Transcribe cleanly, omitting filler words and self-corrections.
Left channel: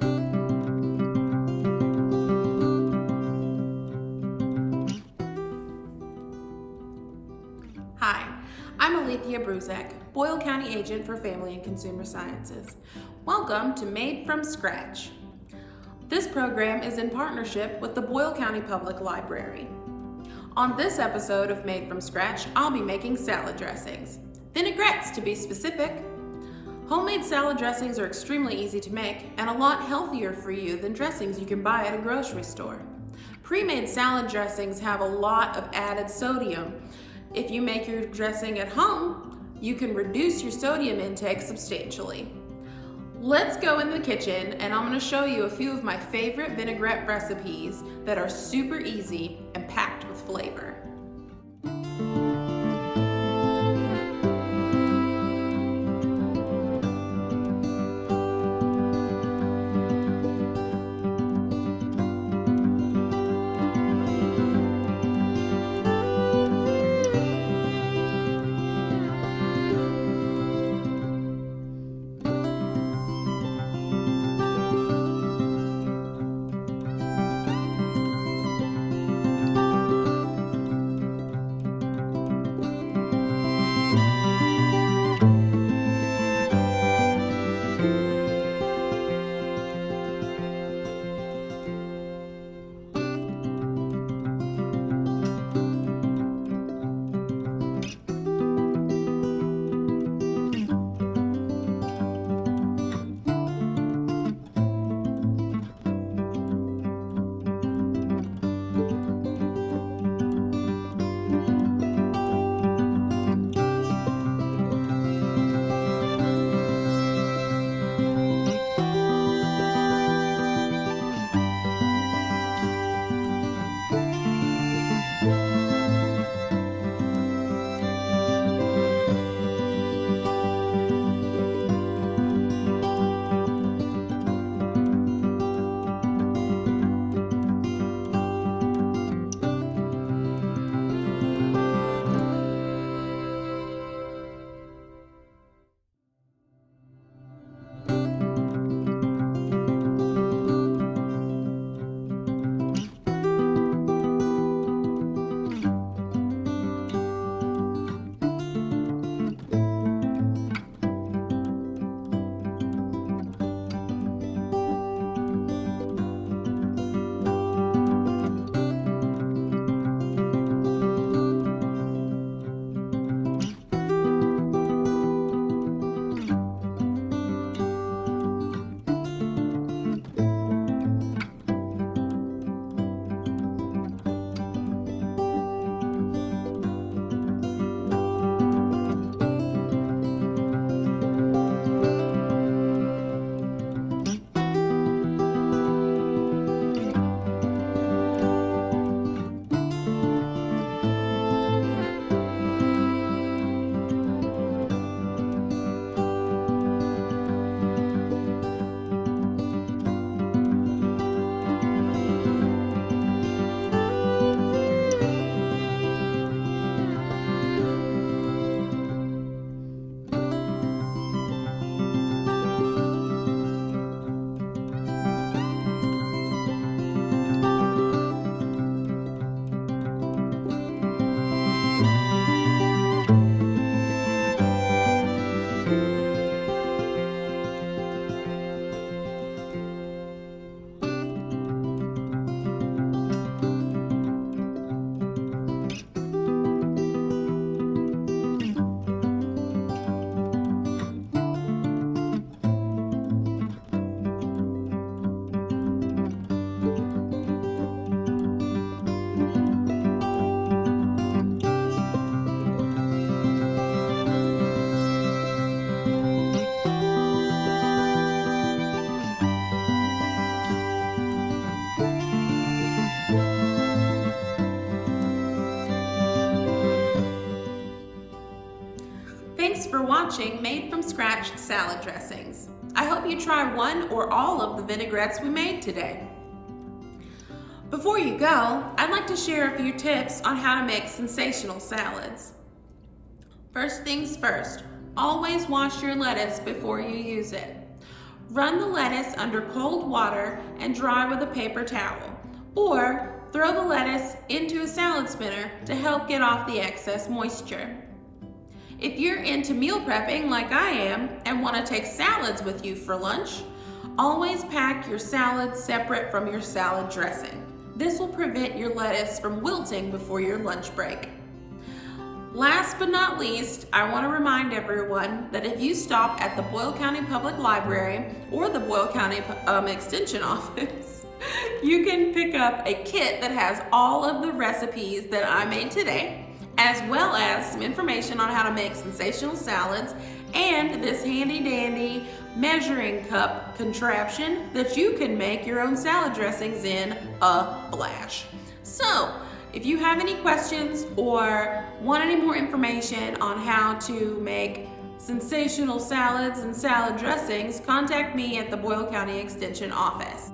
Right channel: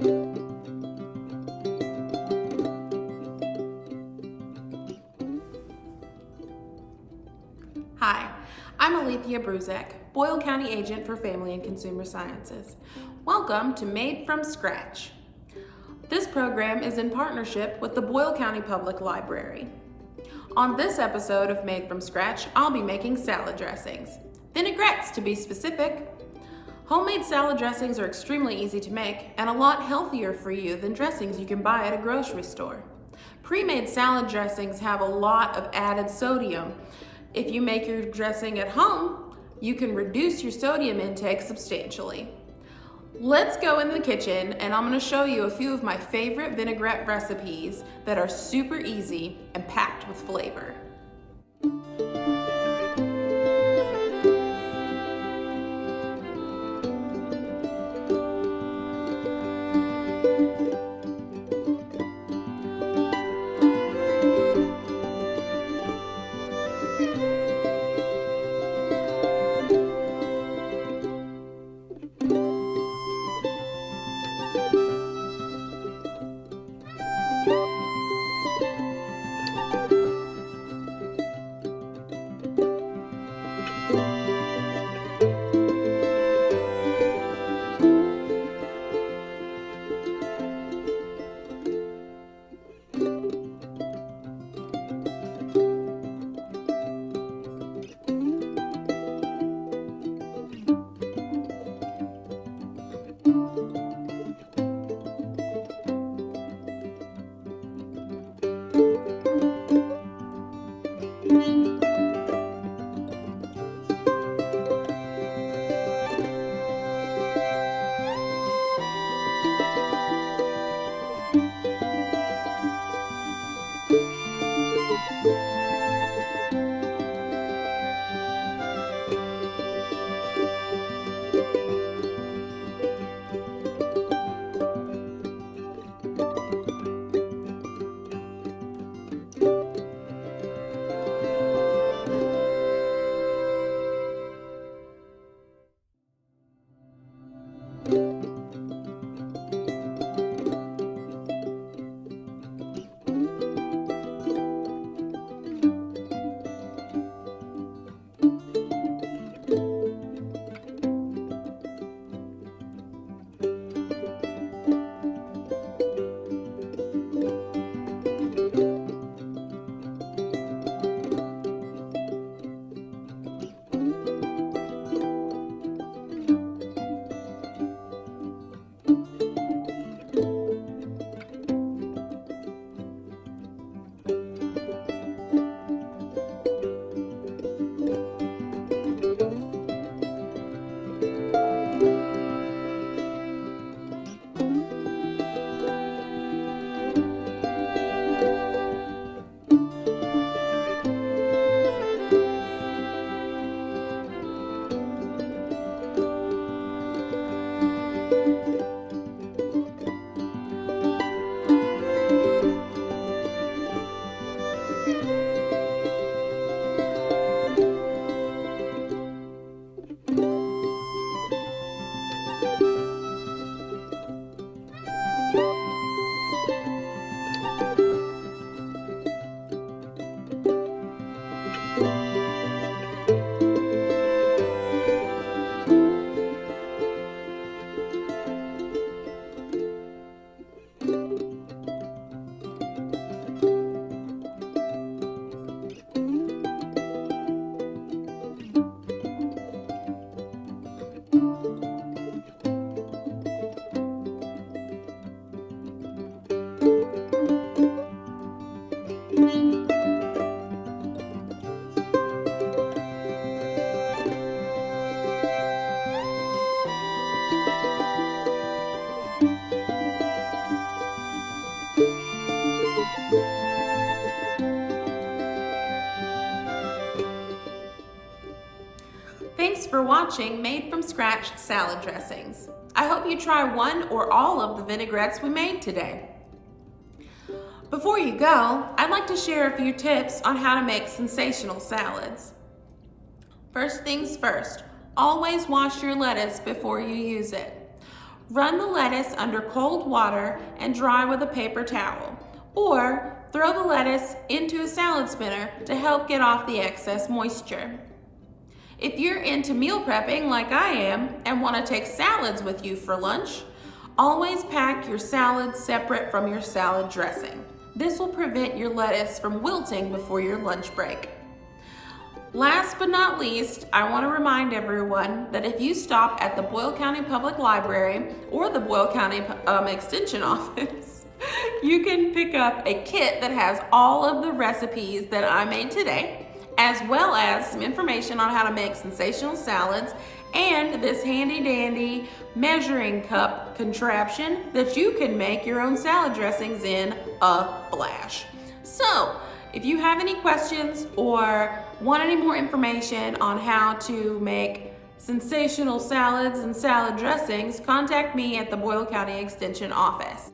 Hi, I'm Alethea Bruzek, Boyle County Agent for Family and Consumer Sciences. Welcome to Made from Scratch. This program is in partnership with the Boyle County Public Library. On this episode of Made from Scratch, I'll be making salad dressings. Vinaigrettes, to be specific. Homemade salad dressings are extremely easy to make and a lot healthier for you than dressings you can buy at a grocery store. Pre-made salad dressings have a lot of added sodium. If you make your dressing at home, you can reduce your sodium intake substantially. Let's go in the kitchen and I'm going to show you a few of my favorite vinaigrette recipes that are super easy and packed with flavor. Thanks for watching Made from Scratch Salad Dressings. I hope you try one or all of the vinaigrettes we made today. Before you go, I'd like to share a few tips on how to make sensational salads. First things first, always wash your lettuce before you use it. Run the lettuce under cold water and dry with a paper towel, or throw the lettuce into a salad spinner to help get off the excess moisture. If you're into meal prepping like I am and want to take salads with you for lunch, always pack your salad separate from your salad dressing. This will prevent your lettuce from wilting before your lunch break. Last but not least, I want to remind everyone that if you stop at the Boyle County Public Library or the Boyle County Extension office, you can pick up a kit that has all of the recipes that I made today, as well as some information on how to make sensational salads and this handy dandy measuring cup contraption that you can make your own salad dressings in a flash. So, if you have any questions or want any more information on how to make sensational salads and salad dressings, contact me at the Boyle County Extension office.